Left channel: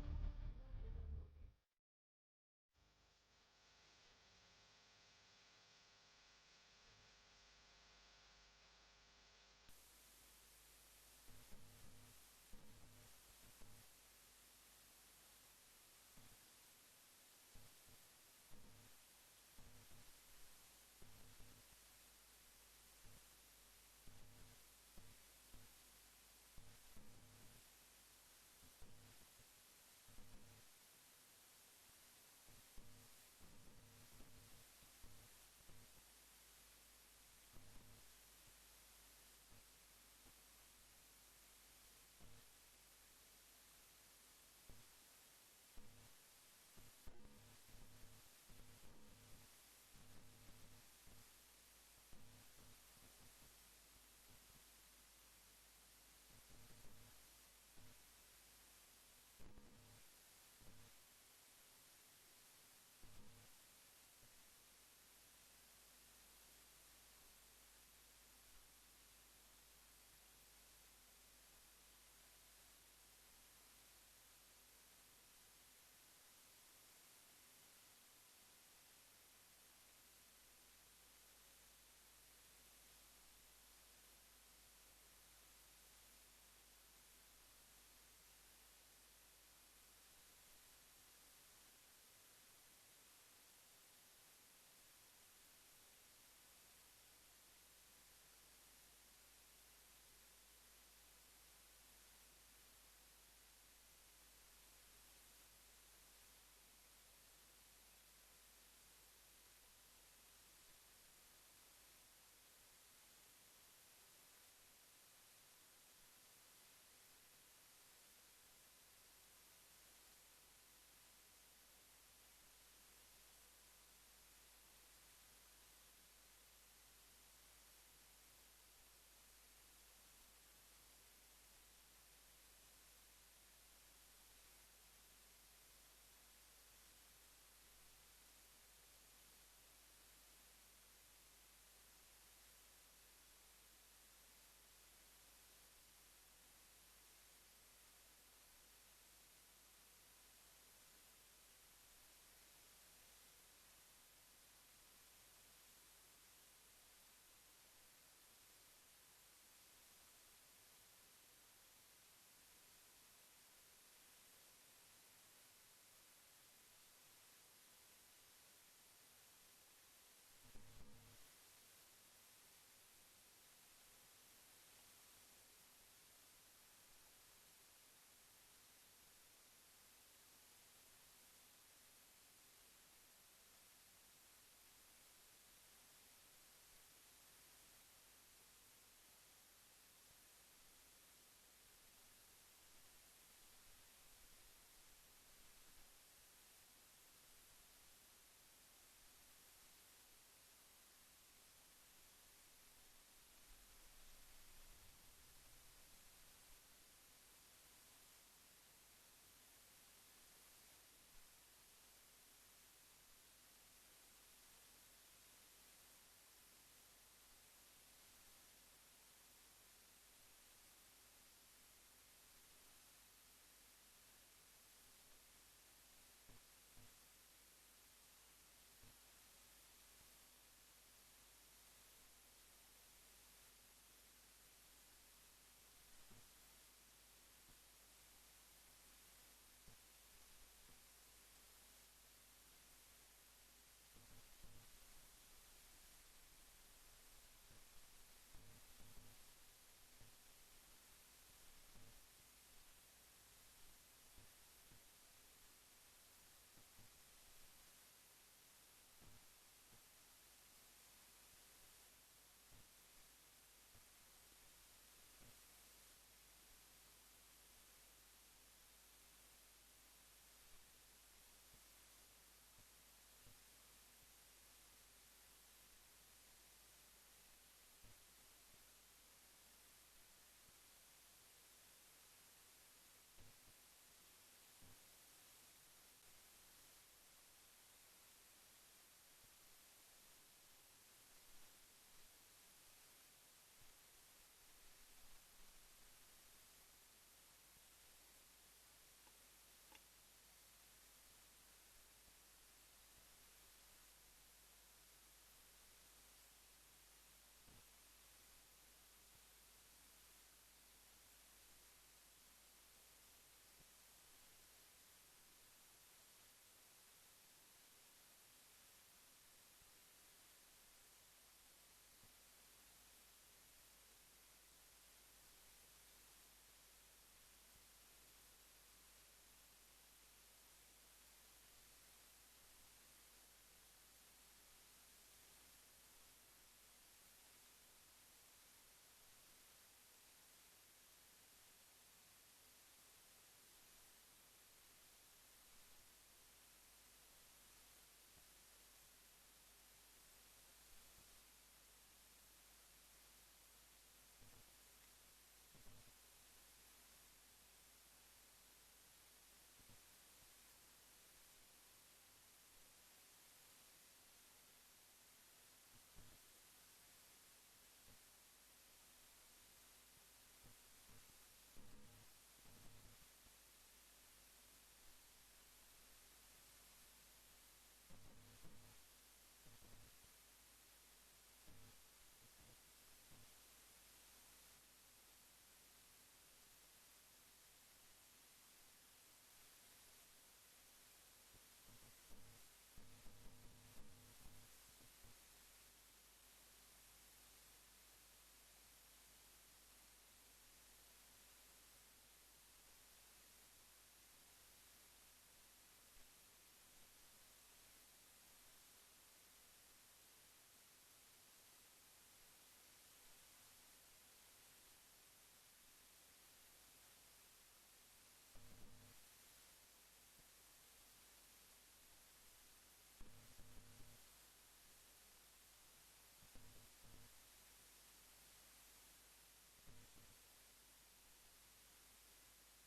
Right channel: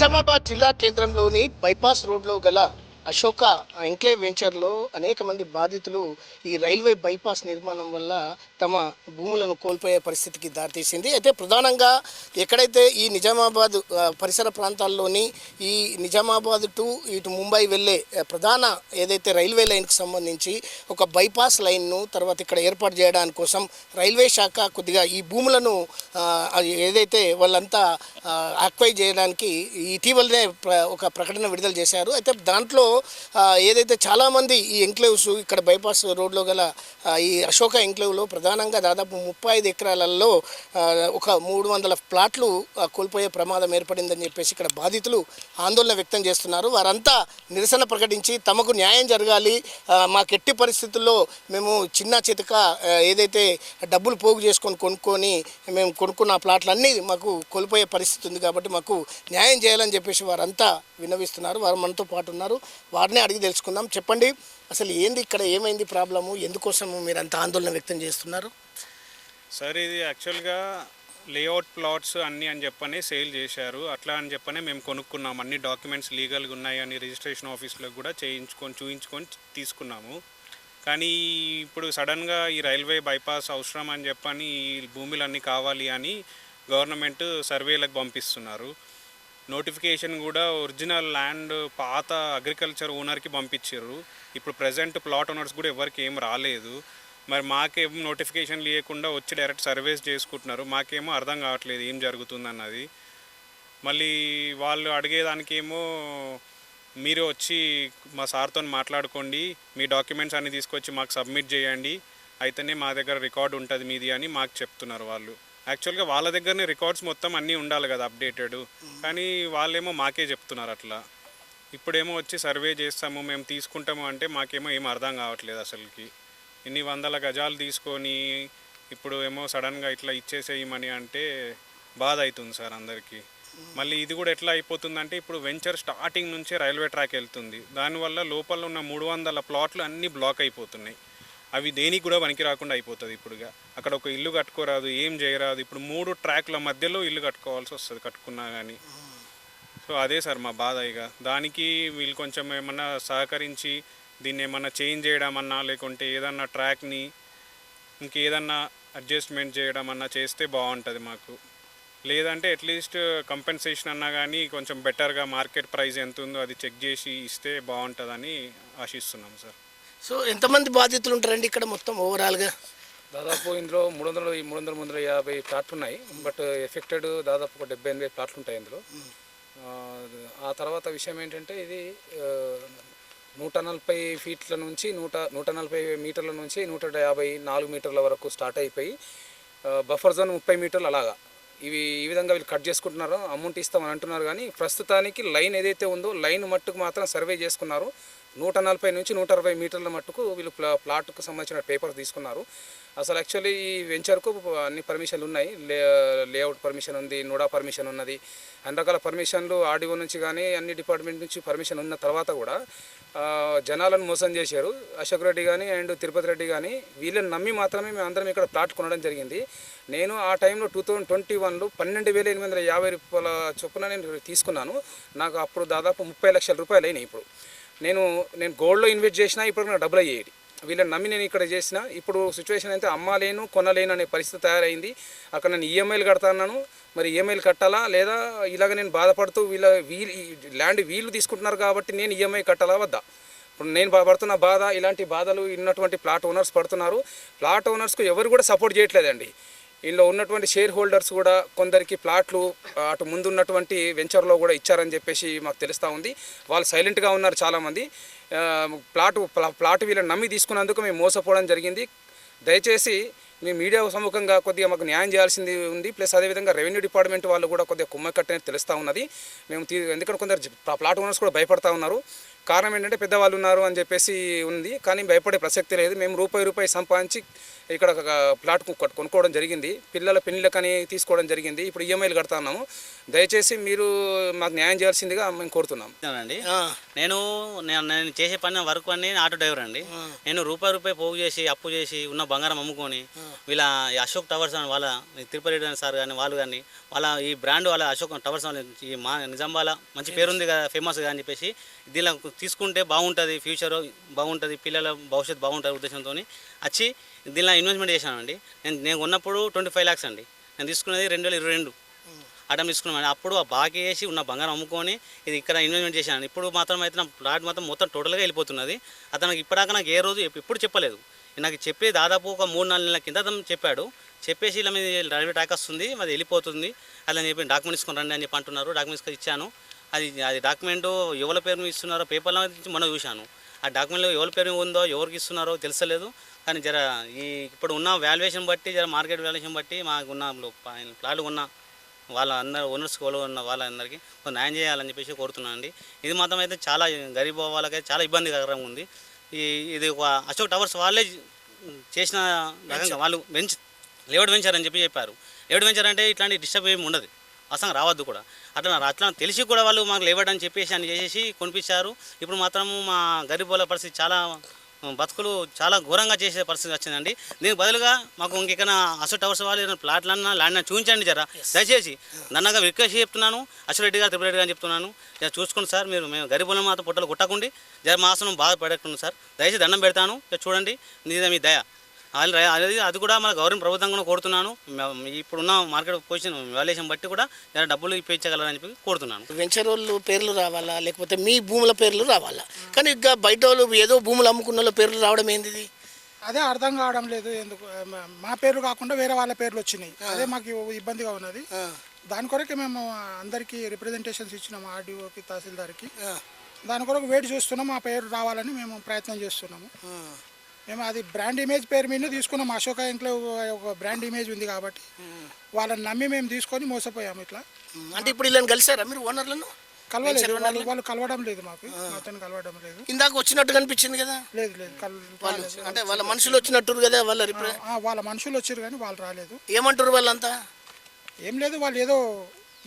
నిజామాబాద్ జిల్లా కేంద్రంలోని బైపాస్ రోడ్లో గల అశోక ఎంక్లేవ్ వెంచర్లో అనేక మంది బాధితులు ఈ రైల్వే బైపాస్ నిర్మాణం వల్ల తమ భూములను కోల్పోయే పరిస్థితికి దారితీసింది. అయితే ప్రధానంగా ఎక్కడైతే ఈ నిజామాబాద్ పరిసర ప్రాంతాల్లోని ఈ నిజామాబాద్ టు ఇటు ముంబై వెళ్ళే ప్రధాన ఏదైతే రైల్వే లైన్కి సంబంధించి ఒక బైపాస్ లైన్ను తర్వాత ఇక్కడ ఏర్పాటు చేయడానికి కోసం రైల్వే శాఖ కొద్దిగా ఈ భూములను ఏదైతే వాళ్ళంతా అక్వైర్ చేయడానికి ఇటీవలనే ఒక ప్రకటన విడుదల చేశారు. అయితే దాంట్లో ఏదైతే చాలామంది ఈ ఎంక్లేవ్స్ ఇక్కడ బైపాస్ రోడ్లో గల ఈ అశోక ఎంక్లేవ్లో ప్రధానంగా దాదాపు 35 ఎకరాలలో ఒక 300 ప్లాట్లు కోల్పోయే ప్రమాదం ఏర్పడిందని చెప్పేసి ఇక్కడ బాధితులు ఆందోళన వ్యక్తం చేస్తున్నారు. వారంతా నిరసన ప్రకటించి తమకు న్యాయం జరగాలి, మాకు ఎట్టి పరిస్థితుల్లో మేము చిన్న చితక ఏదైతే డబ్బులు పోగు చేసుకొని కొనుక్కొని మేము కొనుక్కున్న ప్లాట్లన్నీ మాకు కోల్పోయే పరిస్థితి ఉంది కాబట్టి మాకు న్యాయం చేయాలని చెప్పేసి వారంతా విన్నవిస్తున్నారు. వారు మనతో పాటు ఉన్నారు, వారిని అడిగి తెలుసుకుందాం. చెప్పండి, అసలు ఏంది ఇక్కడ ఏమైంది ప్రాబ్లము, ఎందుకోసము మీరు అంత ఆందోళన వ్యక్తం చేస్తున్నారు? సార్, ఇది యాక్చువల్గా లేఅవుట్ ప్లాట్స్ అన్నీ అని చెప్పని సేల్ చేశారు. అట్లా అని చెప్పని మేము కొనుక్కున్నాము. అన్ని డాక్యుమెంట్స్ లీగల్గా ఉన్నాయని రిజిస్ట్రేషన్ ఆఫీస్లో కూడా చూయించుకొని తీసుకున్నాము. కానీ ఇప్పుడు సడన్గా ఈ రైల్వే బైపాస్ అవసరం అని చెప్పని ఈ భూములన్నీ కావాలి అని గవర్నమెంట్ సర్వేలకు పంపిస్తున్నారు. నోటిఫికేషన్ కూడా ఒరిజినల్ ల్యాండ్ పాత అగ్రికల్చర్ ఓనర్కి పంపించారు. ఇప్పుడు ప్రజెంట్ ప్లాట్ ఓనర్స్ కూడా ఎవరికి ఏం రాలేదు. మరి మాకేమో నోటిఫికేషన్ లేకుండా వచ్చి డైరెక్ట్ సర్వేస్ చేసుకుంటున్నారు. మాకేమో అర్థం కావట్లేదు ఏం జరుగుతుందన్నది. మళ్ళీ వాళ్ళు అడిగేదానికేమో మీరు వచ్చి మా సార్తో మాట్లాడుకోండి, మీ డాక్యుమెంట్స్ అన్నీ తీసుకొచ్చి మాకు సబ్మిట్ చేయండి, అయితేనే మా దగ్గర రికార్డు ఉంటుంది మీది అని మాకు చెప్తున్నారు వాళ్ళు. యాక్చువల్గా వాళ్ళ దగ్గరనే రికార్డ్స్ మొత్తం అన్నీ ఉండాలి కదా అప్డేటెడ్, కానీ వాళ్ళేమో మాకే చెప్తున్నారు అట్లా. ఇప్పుడేమో వచ్చి సర్వే చేస్తాము మేము తీసుకుంటాము అంటే మాకేమో ఏం అర్థం కావట్లేదు అసలుకి. ఇన్ని 100 గజాలు తీసుకొని ఇప్పుడు ఏమో సడన్గా ఇట్లా ఇచ్చేసేయమని అంటే బాధ అవుతుంది సార్ అందరికీ. మళ్ళీ ఇది కూడా ఎట్లా అయిపోతుందంటే ఇప్పుడు వెంచర్ స్టార్టింగ్ నుంచే రైల్వే ట్రాక్ వెళ్తుంది, దానివల్ల లోపల ఉన్న 300 ప్లాట్లు అన్నీ బ్లాక్ అయిపోతున్నాయి. అవి దేనికి కూడా పనికి రాకుండా అయిపోతుంది. ఇప్పుడుగా అక్కడ ఒక ఇల్లు కట్టుకోరాదు, ఏం చేయరాదు. ఇప్పుడు 3 ట్రాక్ల మధ్యలో ఇల్లు కట్టుకోవాల్సి వస్తుంది కట్టుకున్నా కానీ. సో అదే సార్ మా బాధ. ఇక దానికి వీళ్ళు కొంచెం ఏమన్నా సహకరించి దీన్ని ఏమన్నా చేంజ్ చేయడమన్నా లేకుంటే ఏదన్నా ట్రాక్ని ఇంకేదన్నా అడ్జస్ట్మెంట్ చేయడం అన్నా చేస్తే బాగుంటుంది మాకు. లేదంటే అట్లీస్ట్ కంపెన్సేషన్ అన్నా కానీ కొంచెం బెటర్గా మార్కెట్ ప్రైస్ ఎంత ఉందో అది చెక్ చేసి ఇస్తే బాగుంటుందని ఆశిస్తున్నాం సార్. సో ఎంతమంది బాధితులు ఉంటారండి ఇక్కడ మొత్తం ఓవరాల్గా? దాదాపు ఇందులో 350 ప్లాట్లు ఉన్నాయి. బట్ ఎఫెక్టెడ్ దాదాపు ఒక 78 ప్లాట్లు ఉంటాయి ఇందులో. ఆ తర్వాత విషయం ఏంటంటే ఇది 140 ఫీట్ల నుంచి 140 మీటర్ల నుంచి 154 మీటర్ల వరకు స్టార్ట్ అయిపోయి బఫర్ జోన్ 30 మీటర్లు అలాగా ఈ విధంగా వీళ్ళు కట్ చేసుకుంటున్నారు. అమౌంట్ ఇస్తామని అంటున్నారు కానీ ప్రస్తుతానికి లైన్ ఏదైతే ఉందో లైన్ మట్టుకు మాత్రం సర్వే చేసుకున్నారు. 140 నుంచి 160 మీటర్ల మట్టుకు వీళ్ళు ప్లాట్కు సంబంధించిన పేపర్స్ తీసుకున్నారు. అసలు యాక్చువల్లీ ఈ వెంచర్కు అన్ని పర్మిషన్లు ఉన్నాయి. లేఅవుట్ పర్మిషన్ ఉంది, నోడా పర్మిషన్ ఉన్నది, అన్ని రకాల పర్మిషన్లు ఆర్డీఓ నుంచి కానీ అన్ని డిపార్ట్మెంట్ నుంచి పర్మిషన్ ఉన్న తర్వాత కూడా జనాలను మోసం చేశారు. అశోక్ రెడ్డి కానీ అండ్ తిరుపతి రెడ్డి కానీ వీళ్ళని నమ్మి మాత్రమే మేము అందరం ఇక్కడ ప్లాట్ కొనడం జరిగింది. నేను ఆ టైంలో 2021లో 12,850 రూపాయల చొప్పున నేను తీసుకున్నాను. నాకు అప్పుడు దాదాపు 30 లక్షల రూపాయలు అయినాయి. ఇప్పుడు నేను గోల్డ్లో ఇన్వెస్ట్ చేసినా ఇప్పుడు నాకు డబ్బులు అయ్యేది. వీళ్ళని నమ్మి నేను ఇక్కడ చేసిన ఇప్పుడు సిచ్యువేషన్ అయితే అమ్మలేను కొనలేను అనే పరిస్థితి తయారైంది. అక్కడ నేను ఈఎంఐలు కడతాను. మరి ఈఎంఐలు కట్టాలా లేదా ఇలాగ నేను బాధపడుతూ ల్యాండ్ వీళ్ళు తీసుకుంటున్నారు కాబట్టి నేను ఈఎంఐ కట్టాలా వద్దా? ఇప్పుడు నేను పడుతున్న బాధ, ఇలాంటి బాధలు ఉన్నటువంటి ప్లాట్ ఓనర్స్ పడుతున్నారు. ప్లాట్ ఓనర్స్కు ఎవరు కూడా సపోర్ట్ చేయట్లేదండి. ఇందులో ఉన్నటువంటి షేర్ హోల్డర్స్ కూడా కొందరికి ప్లాట్లు అటు ముందున్నటువంటి వెంచర్లో కూడా ఇచ్చారని చెప్పేసి మాకు తెలుస్తూ ఉంది. వాళ్ళు సైలెంట్గా ఉన్నారు చాలామంది. ప్లాట్ వీళ్ళని నమ్మి తీసుకున్నందుకు మేము మోసపోవడం జరిగింది. దయచేసి మీ మీడియా సముఖంగా కొద్దిగా మాకు న్యాయం చేయాల్సింది ఉంది. ప్లస్ అదేవిధంగా రెవెన్యూ డిపార్ట్మెంట్ వాళ్ళు కూడా కొద్దిగా కుమ్మక్కట్టని తెలుస్తూ ఉన్నది. మేము ఎందుకంటే కొందరు ప్లాట్ ఓనర్స్ కూడా భయపడతా ఉన్నారు. కారణం ఏంటంటే పెద్దవాళ్ళు ఉన్నారు అని చెప్పేసి ఉంది, కానీ భయపడే ప్రసక్తి లేదు. మేము రూపాయి సంపాదించి ఇక్కడ ఒక ప్లాట్ కొనుక్కోవడం జరిగింది. పిల్లల పెళ్ళిళ్ళకని తీసుకోవడం జరిగింది. ఇప్పుడు ఈఎంఐలు కడతా ఉన్నాము. దయచేసి మీరు మాకు న్యాయం చేయాల్సిందిగా మేము కోరుతున్నాం. అండి నేను నేను చేసే పని వర్క్ అన్ని ఆటో డ్రైవర్ అండి. నేను రూపాయి పోగు చేసి అప్పు చేసి ఉన్న బంగారం అమ్ముకొని వీళ్ళ ఈ అశోక్ టవర్స్ అని వాళ్ళ తిరుపతి రెడ్డి సార్ కానీ వాళ్ళు కానీ వాళ్ళ ఈ బ్రాండ్ వాళ్ళ అశోక్ టవర్స్ ఈ మా నిజాంబాల మంచి పేరుంది కదా, ఫేమస్ కదా అని చెప్పేసి దీనిలో తీసుకుంటే బాగుంటుంది, ఫ్యూచర్ బాగుంటుంది, పిల్లల భవిష్యత్తు బాగుంటుంది ఉద్దేశంతో వచ్చి దీనిలో ఇన్వెస్ట్మెంట్ చేశానండి. నేను ఉన్నప్పుడు 25 lakhs అండి. నేను తీసుకున్నది 2022 అటం తీసుకున్నాను. అప్పుడు ఆ బాకీ వేసి ఉన్న బంగారం అమ్ముకొని ఇది ఇక్కడ ఇన్వెస్ట్మెంట్ చేశాను. ఇప్పుడు మాత్రం అయితే నా ప్లాట్ మొత్తం టోటల్గా వెళ్ళిపోతున్నది. అతనికి ఇప్పటిదాకా నాకు ఏ రోజు ఎప్పుడు చెప్పలేదు. నాకు చెప్పి దాదాపు ఒక 3-4 నెలల కింద అతను చెప్పాడు. చెప్పేసి ఇలా మీద రైల్వే ట్రాక్ వస్తుంది, అది వెళ్ళిపోతుంది అలా చెప్పి డాక్యుమెంట్ తీసుకొని రండి అని చెప్పి అంటున్నారు. డాక్యుమెంట్స్ ఇచ్చాను. అది డాక్యుమెంట్ ఎవరి పేరు మీద ఇస్తున్నారో పేపర్లో మనం చూశాను. ఆ డాక్యుమెంట్లో ఎవరి పేరు ఉందో ఎవరికి ఇస్తున్నారో తెలుసలేదు. కానీ జర ఇప్పుడు ఉన్న వాల్యుయేషన్ బట్టి మార్కెట్ వాల్యుయేషన్ బట్టి మాకున్న ప్లాట్లు ఉన్న వాళ్ళ అందరు ఓనర్స్ ఉన్న వాళ్ళందరికీ న్యాయం చేయాలని చెప్పేసి కోరుతున్నాను అండి. ఇది మాత్రం అయితే చాలా గరీబ్ వాళ్ళకైతే చాలా ఇబ్బందికరంగా ఉంది. ఇది ఒక అశోక్ టవర్స్ వాళ్ళే చేసిన రకంగా వాళ్ళు లేఅవుట్ వెంచర్ అని చెప్పారు. లేఅవుట్ వెంచర్ అంటే ఇట్లాంటి డిస్టర్బ్ ఏమి ఉండదు, అసలు రావద్దు కూడా. అట్లా తెలిసి కూడా వాళ్ళు మాకు లేఅవుట్ అని చెప్పేసి అని చేసేసి కొనిపించారు. ఇప్పుడు మాత్రము మా గరీబ్ వాళ్ళ పరిస్థితి చాలా బతుకులు చాలా ఘోరంగా చేసే పరిస్థితి వచ్చిందండి. దీనికి బదులుగా మాకు ఇంకెక్కడ అశోక్ టవర్స్ వాళ్ళు ప్లాట్లన్నా ల్యాండ్ చూపించండి జర దయచేసి. నన్నగా రిక్వెస్ట్ చెప్తున్నాను, అశోక్ రెడ్డి గారు, తిరుపతి రెడ్డి గారు చెప్తున్నాను, జర చూసుకోండి సార్. మేము గరీబులను మాత్రం పొట్టలు కొట్టకండి, జర మా ఆసనం బాగా పడకుండా సార్. దయచేసి దండం పెడతాను, చూడండి మీ దయ. అది కూడా మన గవర్నమెంట్ ప్రభుత్వం కూడా కోరుతున్నాను. ఇప్పుడున్న మార్కెట్ పొజిషన్ వాల్యుయేషన్ బట్టి కూడా జర డబ్బులు ఇప్పించగలరని చెప్పి కోరుతున్నాను. వెంచర్ వాళ్ళు పేర్లు రావాలా లేకపోతే మీ భూముల పేర్లు రావాలా? కానీ ఇక బయట వాళ్ళు ఏదో భూములు అమ్ముకున్న వాళ్ళ పేర్లు రావడం ఏంది? అదే అర్థం కావడం లేదు. ఎందుకు మా పేర్లు కాకుండా వేరే వాళ్ళ పేర్లు వచ్చినాయి, అదే మాకు ఇబ్బందిగా ఉన్నది. దాని కొరకే మేము అందరికీ రిప్రజెంటేషన్స్ ఇచ్చినాము, ఆర్డీఓకి, తహసీల్దార్కి. దాని కొరకు వెయిట్ చేస్తున్నాం, మా పేరు రావాలని మేము ప్రయత్నం చేస్తున్నాము. మేము అది బ్రాండ్ ఇమేజ్ పేరు మీద తీసుకున్నాం. అశోక ఇంట్లో ఒక బ్రాండ్ ఇమేజ్ ఉంది కాబట్టి వాళ్ళని నమ్మి మేము తీసుకొని మోసపోయాము ఇట్లా. అంటే ఇప్పుడు ఇలా కలిసారా మీరు ఓనర్లను? కలవలేదు, వాళ్ళు కలవడం లేదు, మాతో కలవడం లేదు. ఇందాక వచ్చినట్టు కనిపించింది కదా? లేదు లేదు, అంటే వాళ్ళ మనుషులు వచ్చినట్టు కదా? వాళ్ళ మనుషులు వచ్చారు కానీ వాళ్ళు రాలేదు. ఏమంటారు వాళ్ళంతా? ఏం లేదు, వాళ్ళు ఏదో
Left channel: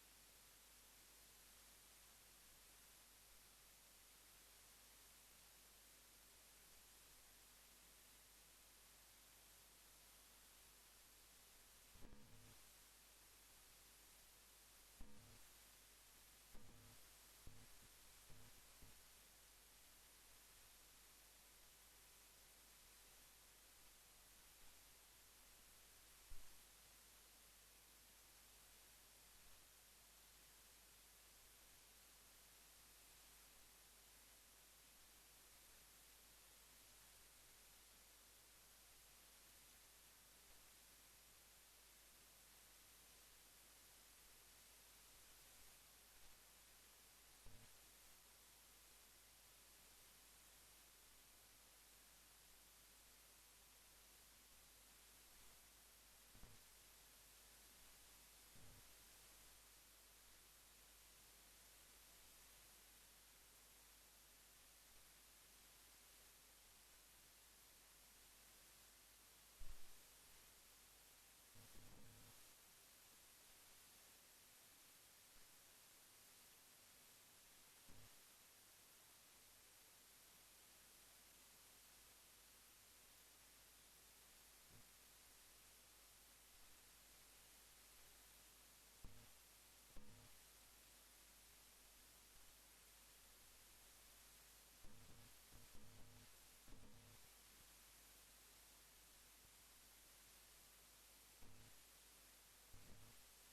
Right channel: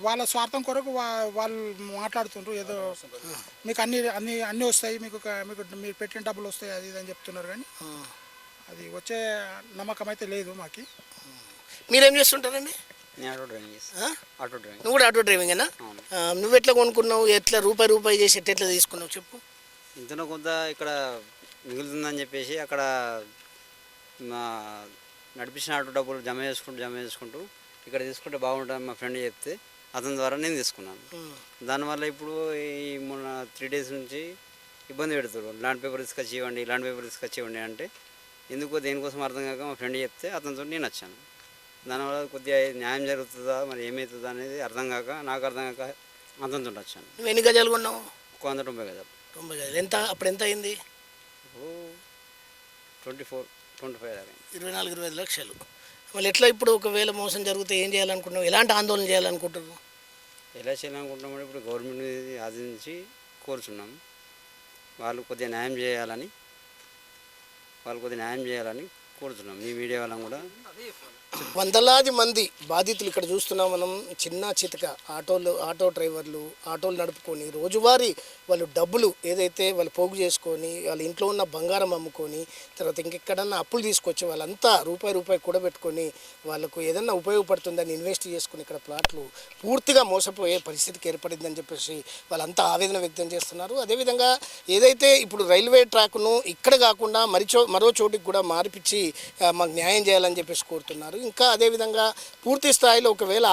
వాళ్ళ స్వార్థం కొరకు వాళ్ళు మాట్లాడుతుండ్రు. ఏదో మీకు అన్నీ వస్తాయి, మీకు మీరు పెట్టిన డబ్బులు వస్తాయి, అది ఇది అని చెప్తున్నారు. కానీ అది వచ్చే నమ్మకం అయితే లేదు మాకు. మీరేం చేస్తుంటారండి? నువ్వు కూడా ఆటో డ్రైవింగేనా? నువ్వు ఎట్లా కొనుక్కున్నావు? ఎట్లా రూపాయి చేసి ఎట్లా తీసుకున్నావు చెప్పు. ఇంతలో కొంత ఇక్కడ మిగులుతుందని చెప్పేసి అక్కడ నడిపించిన ఆటో డబ్బులు జమ చేసుకుంటూ ఇక్కడ తీసుకుంటే బాగుంటుంది మా ఫ్రెండ్ చెప్తే అతని ద్వారా నేను తీసుకున్నాను. దానివల్ల ఇప్పుడు ఈ మొన్న 3 days నుంచి ఇబ్బంది పెడుతున్నారు. ల్యాండ్ పేపర్ తీసుకొచ్చి ఇవ్వండి అంటే ఎందుకో దేనికోసం అర్థం కాక మా ఫ్రెండ్ చెప్తే అతనితో నేను వచ్చాను. దానివల్ల కొద్దిగా న్యాయం జరుగుతుందా మరి ఏమవుతుందా అనేది నాకు అర్థం కాక అతనితో వచ్చాను. నువ్వు ఎన్ని గజాలు కొన్నావు? 190 గజాలు. 90 గజాలు ఎంత? అప్పుడు ఎంత అయింది? 24-25 దాకా. 24-25 లక్షలు. మళ్ళీ ఎట్లా ఇప్పుడు ఒకవేళ మోసం జరిగితే ఏం చేయాలనుకుంటున్నావు? ఎలాంటి ఆందోళన చేయాలనుకుంటున్నావు? ఎలా చేయాలనుకుంటున్నామంటే ఇప్పుడు గవర్నమెంట్ ఆదించి కోరుచున్నాం. వాళ్ళు కొద్దిగా న్యాయం చేయాలని కోరుతున్నాం. మీ మీడియా వాళ్ళని కూడా వందలాది మంది బాధితులు ఇక్కడ చూస్తున్నాం మనం. చిన్న చితక ఆటో డ్రైవర్లు ఆటోలు నడుపుకొని రోజువారీ వాళ్ళు డబ్బులు ఏదైతే వాళ్ళు పోగు చేసుకొని వాళ్ళ ఇంట్లో ఉన్న బంగారం అమ్ముకొని తర్వాత ఇంకెక్కడన్నా అప్పులు తీసుకొచ్చి వాళ్ళంతా రూపాయి కూడబెట్టుకొని వాళ్ళకు ఏదన్నా ఉపయోగపడుతుందని ఇన్వెస్ట్ చేసుకుని ఇక్కడ ప్లాట్లు పూర్తిగా మోసపోయే పరిస్థితికి ఏర్పడిందని చెప్పేసి వాళ్ళంతా ఆవేదన వ్యక్తం చేస్తున్నారు. అదేవిధంగా ఏదైతే ఇప్పుడు రైల్వే ట్రాక్ను ఇక్కడ కాకుండా మరో చోటికి కూడా మార్పిచ్చి మాకు న్యాయం చేయాలని చెప్పేసి కోరుతున్నారు. ఇంకా అదేవిధంగా పూర్తి స్థాయిలో ఒకవేళ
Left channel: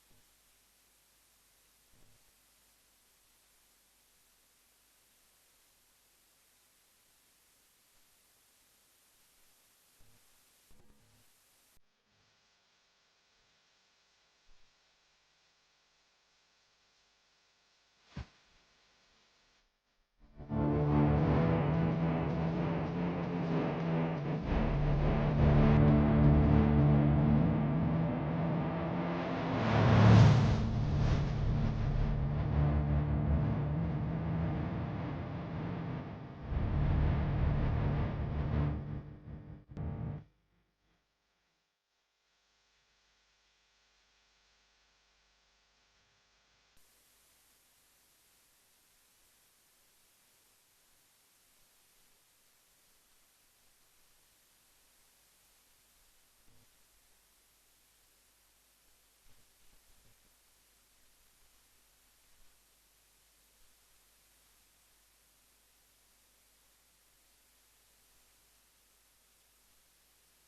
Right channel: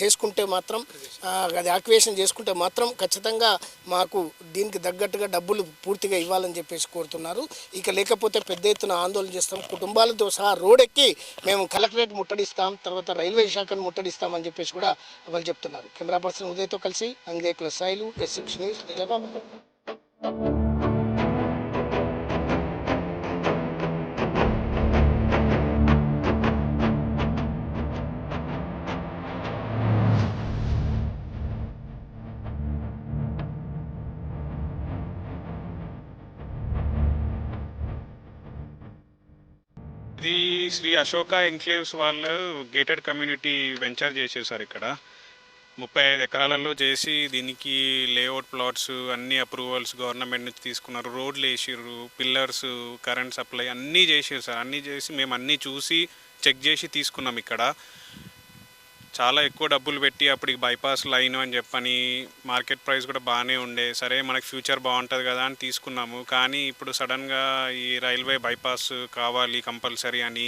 చేసుకుంటే మాత్రం అది ఆక్యువేషన్ చేసుకుంటే మాత్రం ఖచ్చితంగా మాకు దీనికి తగ్గట్టుగా డబ్బులు పూర్తిగా ఇవ్వాలని చెప్పేసి కోరుతున్నారు. ఇక లేకపోతే పెద్ద ఎత్తున ఆందోళన చేస్తాం, కుటుంబాలతో సహా రోడ్డెక్కి మేము కలెక్టరేట్ ముట్టడిస్తాం, తర్వాత రైల్వే శాఖను ముట్టడిస్తామని చెప్పేసి కూడా వాళ్ళు చెప్తున్నారు. కెమెరా పర్సన్ ఉదయ్తో కలిసి అంగేకుల సాయిలు, S6 న్యూస్, నిజామాబాద్. శ్రీ అశోక ఎంక్లేవ్స్ వాళ్ళు గేటెడ్ కమ్యూనిటీ వెంచర్ చేసేసారు ఇక్కడ 35 ఎకరాలలో చేసి దీనికి లేఅవుట్ ప్లాట్స్ అన్ని అప్రూవల్స్ గవర్నమెంట్ నుంచి తీసుకున్నారు, రోడ్లు వేసిర్రు, పిల్లర్స్, కరెంట్ సప్లై అన్నీ చేసారు సార్. అన్నీ చేసి మేము అన్నీ చూసి చెక్ చేసి తీసుకున్నాం. ఇక్కడ చాలా ఎక్కువ డబ్బులు పెట్టి అప్పటికి బైపాస్ లైన్ అని చెప్పని మార్కెట్ ప్రైస్ కూడా బాగానే ఉండే, సరే మనకి ఫ్యూచర్ బాగుంటుంది కదా అని తీసుకున్నాము. కానీ ఇప్పుడు సడన్గా ఈ రైల్వే బైపాస్ కావాలి కంపల్సరీ అని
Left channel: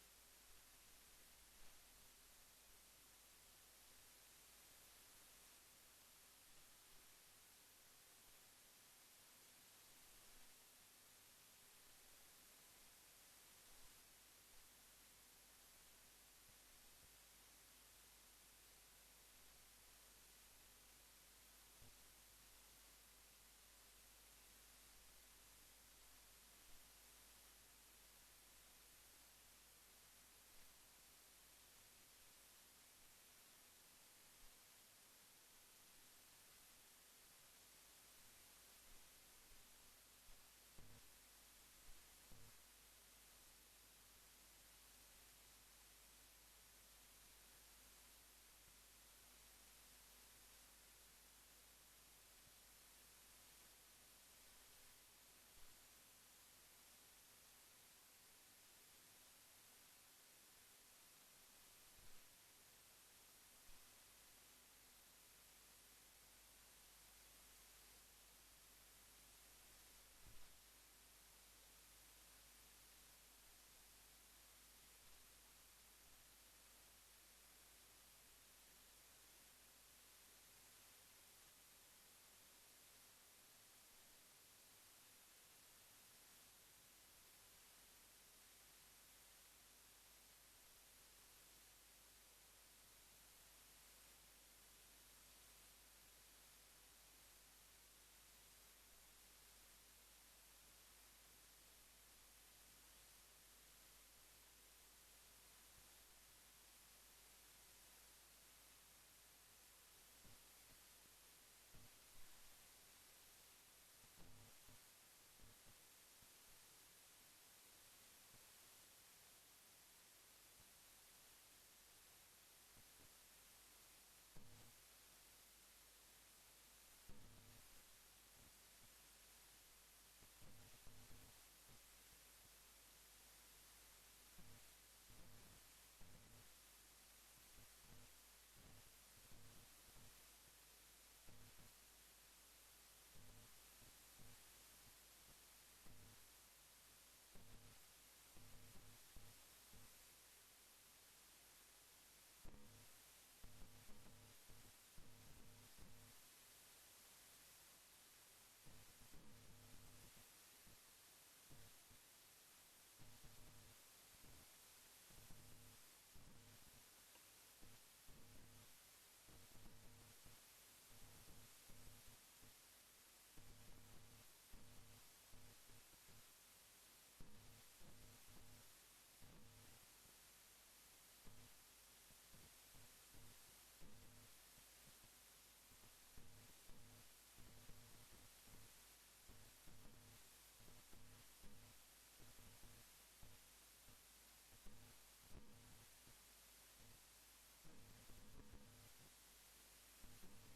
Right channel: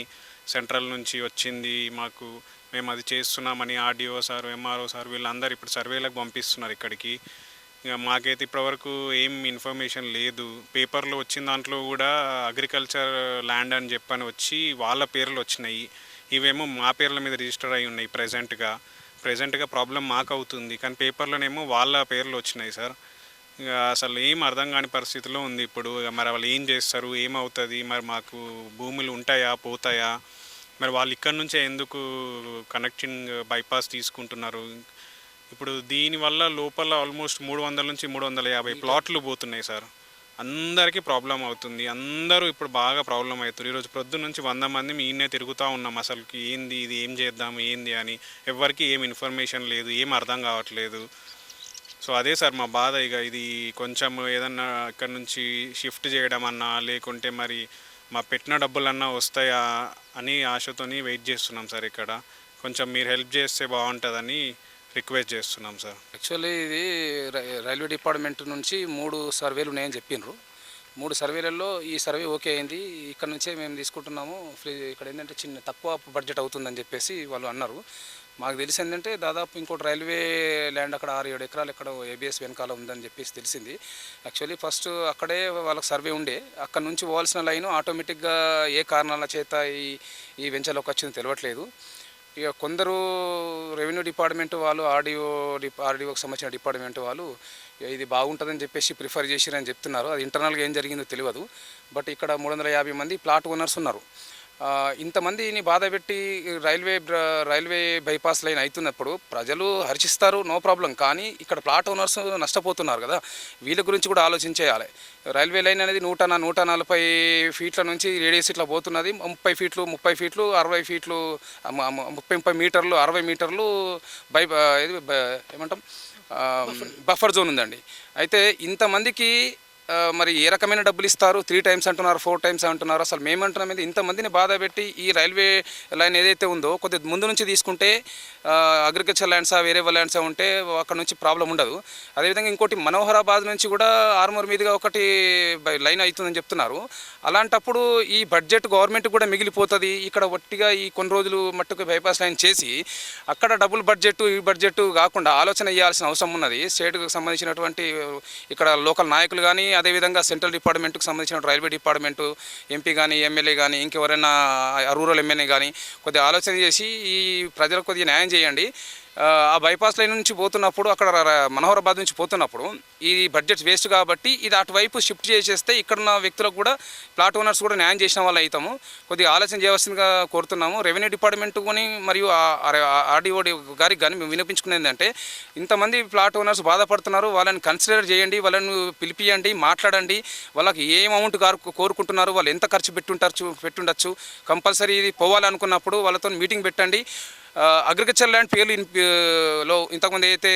సెంట్రల్ నుంచి వచ్చింది మాకు. మేము అది చేస్తున్నామని ఆర్డీఓ సార్, ఎంఆర్ఓ సార్ వీళ్ళందరూ ఇప్పుడు సర్వేలకు పంపిస్తున్నారు ఇక్కడికి. ఇక మాకైతే ఇప్పటివరకు ఏం ఇన్ఫర్మేషన్ లేదు. పేపర్లో వచ్చిన దాంట్లో కూడా అగ్రికల్చర్ ల్యాండ్ అని చెప్పని వచ్చి వాళ్ళ పేర్లు వచ్చినాయి, ఇవేమో మా పేర్ల మీద రిజిస్టర్ అయి ఉన్నాయి. ప్రజెంట్గా ప్రాబ్లం మాకు అవుతుంది, కానీ పేపర్లోనేమో వాళ్ళ పేర్లు వచ్చినాయి సార్. ఇక అసలు ఏం అర్థం కాని పరిస్థితిలో ఉంది ఇప్పుడు. ఇక మరి వాళ్ళు ఏం చేస్తారు, ఏమవుతుంది, మరి మాకు భూములు ఉంటాయా పోతాయా, మరి వాళ్ళు ఇక్కడ నుంచే ఎందుకు కనెక్టింగ్ బైపాస్ తీసుకుంటున్నారు. ఇప్పుడు దీనివల్ల లోపల ఆల్మోస్ట్ 300 నుంచి 350 ప్లాట్లు పోతున్నాయి సార్. అందరికీ ప్రాబ్లం అవుతుంది, అందరూ ఇప్పుడు బాగా ప్రాబ్లం అవుతుంది. ఈరోజు ప్రొద్దు నుంచి 100 మంది ఈయనే తిరుగుతూ ఉన్నాం. అసలుకి ఏంది ఇది, ఏం చేద్దాం ఏంది అని ఎవరికి ఏం ఇన్ఫర్మేషన్ లేదు, ఏం అర్థం కావట్లేదు. సో అదే సార్ మా బాధ. ఇక ఇది కొంచెం ఏదన్నా ఇక్కడ నుంచి షిఫ్ట్ చేయడం అన్నా, లేకుంటే మరి మా పెట్టిన డబ్బులన్నా వస్తాయా అని ఆశతోని వెయిట్ చేస్తున్నాం సార్. ఇక్కడ కొంచెం మీరు హెల్ప్ చేస్తే బాగుంటుందని రిక్వెస్ట్ చేస్తున్నాం సార్. యాక్చువల్లీ ఇది రైల్వే డిపార్ట్మెంట్ నుంచి 3 సర్వేలు ఉన్నాయని చెప్పినారు. 3 సర్వేలలో ఈ సర్వే ఓకే అయింది, ఇక్కడ నుంచే మేము తీసుకుంటున్నాము, ఇక్కడ ఏంటంటే చిన్న తక్కువ బడ్జెట్ అవుతుందని చెప్పేసి వాళ్ళు అన్నారు. మాకు తెలిసి ఏంటంటే దాదాపు ఇంకోటి రైల్వే ల్యాండ్ అక్కడ 6-7 ఎకరాలు ఎక్కడ ఏబిఎస్ వెనకాల ఉందని చెప్పేసి తెలిసింది. యాక్చువల్లీ ఫస్ట్ అక్కడే వాళ్ళకి సర్వే ఉండే, అక్కడ నుంచి పోవాల్సిన లైన్ ఆటోమేటిక్గా ఏ కారణాల చేత ఈ వెంచర్లోకి వచ్చింది తెలియట్లేదు. ఇక కొందరు రెవెన్యూ డిపార్ట్మెంట్ వాళ్ళు, ఆర్డీఓకి సంబంధించిన డిపార్ట్మెంట్ వాళ్ళు ఇది బాగుంటుందని చెప్పేసి ప్రిఫర్ చేసిరని చెప్తున్నారు. అది ఇంటర్నల్గా ఏం జరిగిందో తెలియదు. బట్ ఇక్కడ 350 మంది ప్లాట్ ఓనర్స్ ఉన్నారు. ఇంతమందిని బాధ పెట్టి రైల్వే బైపాస్ లైన్ అవుతున్నప్పుడు ప్రజలు హర్షిస్తారు, నో ప్రాబ్లం. కానీ ఇక్కడ ప్లాట్ ఓనర్స్ నష్టపోతున్నారు కదా, వీళ్ళ గురించి కూడా ఆలోచించేయాలి. రైల్వే లైన్ అనేది 140 ఫీట్ల నుంచి రేడియస్ ఇట్లా పోతున్నది. 30 ఫీట్లు 60 ఫీట్లు 30 మీటర్లు 60 మీటర్లు ఏమంటాం బఫర్ జోన్ ఉందండి. అయితే ఇంతమందికి మరి ఏ రకమైన డబ్బులు ఇస్తారు? 3 టైమ్స్ అంటున్నారు, 4 టైమ్స్ అంటున్నారు. అసలు మేమంటున్నాం ఇది ఇంతమందిని బాధ పెట్టి ఈ రైల్వే లైన్ ఏదైతే ఉందో కొద్ది ముందు నుంచి తీసుకుంటే అగ్రికల్చర్ ల్యాండ్సా వేరే ల్యాండ్సా ఉంటే అక్కడ నుంచి ప్రాబ్లం ఉండదు. అదేవిధంగా ఇంకోటి మనోహరాబాద్ నుంచి కూడా ఆర్మూర్ మీదుగా ఒకటి లైన్ అవుతుందని చెప్తున్నారు. అలాంటప్పుడు ఈ బడ్జెట్ గవర్నమెంట్ కూడా మిగిలిపోతుంది. ఇక్కడ ఒట్టిగా ఈ కొన్ని రోజులు మట్టుకు బైపాస్ లైన్ చేసి అక్కడ డబుల్ బడ్జెట్ ఈ బడ్జెట్ కాకుండా ఆలోచన చేయాల్సిన అవసరం ఉన్నది. స్టేట్కి సంబంధించినటువంటి ఇక్కడ లోకల్ నాయకులు కానీ, అదేవిధంగా సెంట్రల్ డిపార్ట్మెంట్కి సంబంధించిన రైల్వే డిపార్ట్మెంటు ఎంపీ కానీ, ఎమ్మెల్యే కానీ, ఇంకెవరైనా రూరల్ ఎమ్మెల్యే కానీ కొద్దిగా ఆలోచన చేసి ఈ ప్రజలకు కొద్దిగా న్యాయం చేయండి. ఆ బైపాస్ లైన్ నుంచి పోతున్నప్పుడు అక్కడ మనోహరాబాద్ నుంచి పోతున్నప్పుడు ఈ బడ్జెట్ వేస్ట్ కాబట్టి ఇది అటువైపు షిఫ్ట్ చేసేస్తే ఇక్కడున్న వ్యక్తులకు కూడా ప్లాట్ ఓనర్స్ కూడా న్యాయం చేసిన వాళ్ళు అవుతాము. కొద్దిగా ఆలోచన చేయవలసిందిగా కోరుతున్నాము. రెవెన్యూ డిపార్ట్మెంట్ కానీ మరియు ఆర్డీఓ గారికి కానీ మేము వినిపించుకునేది ఏంటంటే ఇంతమంది ప్లాట్ ఓనర్స్ బాధపడుతున్నారు, వాళ్ళని కన్సిడర్ చేయండి, వాళ్ళని పిలిపియండి, మాట్లాడండి. వాళ్ళకి ఏ అమౌంట్ కోరుకుంటున్నారు, వాళ్ళు ఎంత ఖర్చు పెట్టుండొచ్చు, కంపల్సరీ ఇది పోవాలనుకున్నప్పుడు వాళ్ళతో మీటింగ్ పెట్టండి. అగ్రికల్చర్ ల్యాండ్ పేర్లు ఇంతకుముందు అయితే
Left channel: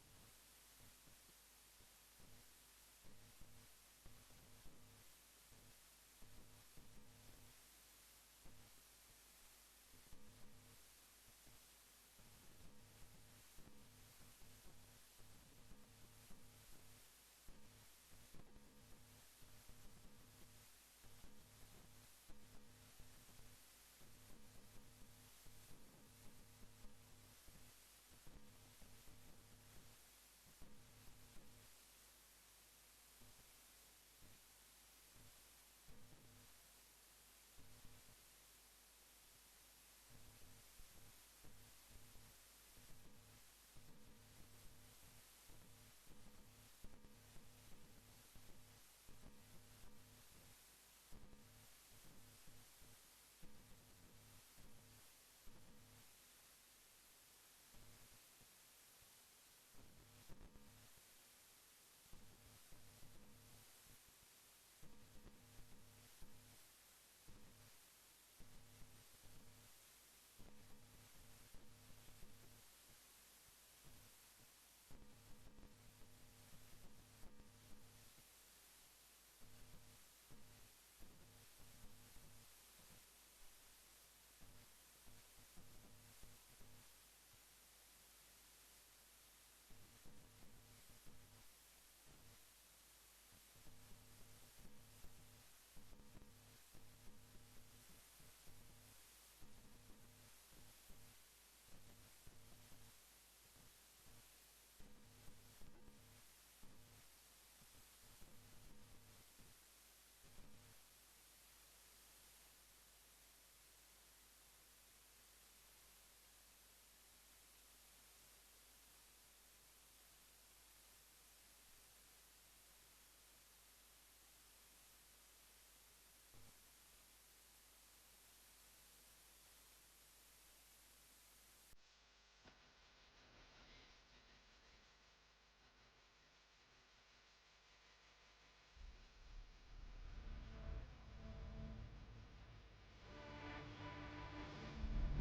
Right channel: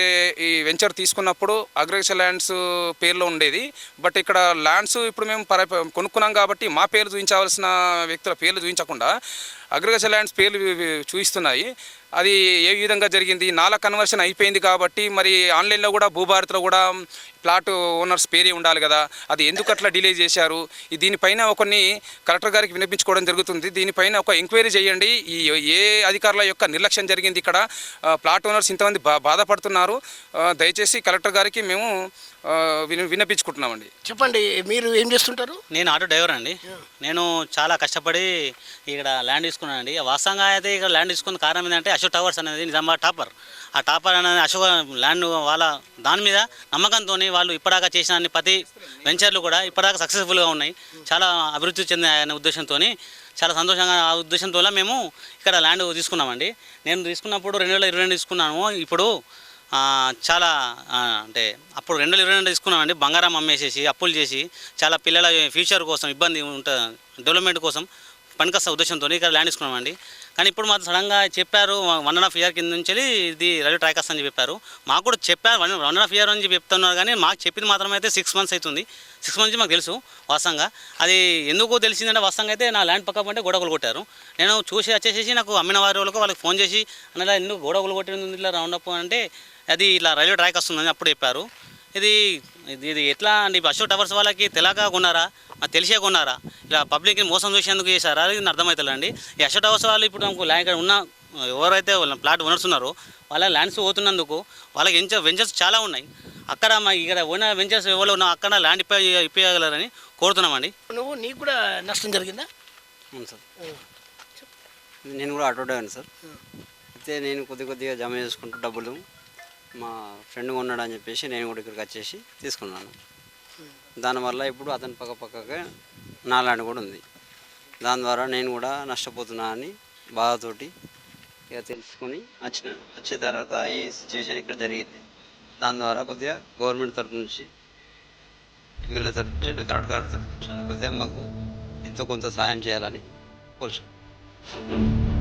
ఈ వెంచర్ తీసుకున్నప్పుడు అగ్రికల్చర్ ల్యాండ్స్ పేర్లో ఉండేది. బట్ ఇక్కడ ల్యాండ్స్ ఇప్పుడు మేము కొనుక్కున్నాం కాబట్టి మా పేర్లు చూపించవలసిన వ్యక్తుల పేర్లు చూపించకుండా అగ్రికల్చర్ ల్యాండ్స్ పేర్లు చూపిస్తున్నాయి. అది ఏ విధంగా జరిగింది? నాలా కన్వర్షన్ అయిపోయింది కాబట్టి మరి ఆన్లైన్లో కూడా భూభారత్లో కూడా ప్లాట్ ఓనర్స్ పేరే ఉండాలి కదా, అది ఎందుకు అట్లా డిలే చేశారు? దీనిపైన కొన్ని కలెక్టర్ గారికి వినిపించుకోవడం జరుగుతుంది. దీనిపైన ఒక ఎంక్వైరీ చేయండి. ఏ అధికారుల యొక్క నిర్లక్ష్యం జరిగింది? ఇక్కడ ప్లాట్ ఓనర్స్ ఇంతమంది బాధపడుతున్నారు. దయచేసి కలెక్టర్ గారికి మేము వినిపించుకుంటున్నామండి. చెప్పండి, మీరు ఏం చేస్తుంటారు? నేను ఆటో డ్రైవర్ అండి. నేను చాలా కష్టపడి ఇక్కడ ల్యాండ్ తీసుకున్నానండి. వాస్తవంగా అయితే ఇక్కడ ల్యాండ్ తీసుకున్న కారణం ఏంటంటే అశోక్ టవర్స్ అనేది నిజామాబాద్ టాపర్. ఆ టాపర్ అనేది అశోక్ ల్యాండ్ వాళ్ళ దాని మీద నమ్మకంతో వాళ్ళు ఇప్పటిదాకా చేసిన అన్ని ప్రతి వెంచర్లు కూడా ఇప్పటిదాకా సక్సెస్ఫుల్గా ఉన్నాయి, చాలా అభివృద్ధి చెందాయనే ఉద్దేశంతో చాలా సంతోషంగా ఆ ఉద్దేశంతో మేము ఇక్కడ ల్యాండ్ తీసుకున్నామండి. నేను తీసుకున్నప్పుడు 2022 తీసుకున్నాను. ఇప్పుడు చాలా అంటే అప్పుడు 2022 తీసుకున్నామండి. బంగారం అమ్మేసేసి అప్పులు చేసి చాలా పిల్లల ఫ్యూచర్ కోసం ఇబ్బంది ఉంటుంది, డెవలప్మెంట్ కోసం పనికొస్తా ఉద్దేశంతో ఇక్కడ ల్యాండ్ తీసుకున్నామండి. కానీ ఇప్పుడు మాకు సడన్గా చెప్పారు 1.5 year కింద నుంచి ఇది రైల్వే ట్రాక్ వస్తుందని చెప్పారు. మాకు కూడా చెప్పారు 1.5 year అని చెప్పి చెప్తున్నారు, కానీ మాకు చెప్పింది మాత్రం అయితే 6 months అవుతుంది. 6 months నుంచి మాకు తెలుసు వాస్తవంగా. అది ఎందుకు తెలిసిందంటే వాస్తవంగా అయితే నా ల్యాండ్ పక్క పంటే గొడవలు కొట్టారు. నేను చూసి వచ్చేసి నాకు అమ్మిన వాళ్ళకి ఫోన్ చేసి అన్నలా ఎందుకు గొడవలు కొట్టింది ఇట్లా రౌండ్ అప్ అంటే అది ఇలా రైల్వే ట్రాక్ వస్తుందని అప్పుడు చెప్పారు. ఇది ఎట్లా అండి? అశోక్ టవర్స్ వాళ్ళకి తెలియక కొన్నారా, మాకు తెలిసే కొన్నారా, ఇలా పబ్లిక్ని మోసం చేసేందుకు చేశారా, అది అర్థమవుతుందండి. ఈ అశోక్ టవర్స్ వాళ్ళు ఇప్పుడు నాకు ల్యాండ్ ఇక్కడ ఉన్న ఎవరైతే ప్లాట్ ఓనర్స్ ఉన్నారో వాళ్ళ ల్యాండ్స్ పోతున్నందుకు వాళ్ళకి వెంచర్స్ చాలా ఉన్నాయి. అక్కడ మా ఇక్కడ ఉన్న వెంచర్స్ ఎవరు ఉన్నా అక్కడ ల్యాండ్ ఇప్పగలరని కోరుతున్నామండి. నీకు కూడా నష్టం జరిగిందా? అవును సార్, నేను కూడా ఆటో డ్రైవర్ సార్. అయితే నేను కొద్దిగా జమ చేసుకుంటూ డబ్బులు మా ఫ్రెండ్ కొన్నాడు అని చెప్పేసి నేను కూడా ఇక్కడికి వచ్చేసి తీసుకున్నాను. దానివల్ల ఇప్పుడు అతని పక్కగా నా ల్యాండ్ కూడా ఉంది. దాని ద్వారా నేను కూడా నష్టపోతున్నా అని బాధతోటి ఇక తెలుసుకొని వచ్చే తర్వాత ఈ సిచ్యువేషన్ ఇక్కడ జరిగింది. దాని ద్వారా కొద్దిగా గవర్నమెంట్ తరఫు నుంచి వీళ్ళ తరఫు నుంచి కరెక్ట్ కొద్దిగా మాకు ఎంతో కొంత సహాయం చేయాలని కోరుతున్నాను.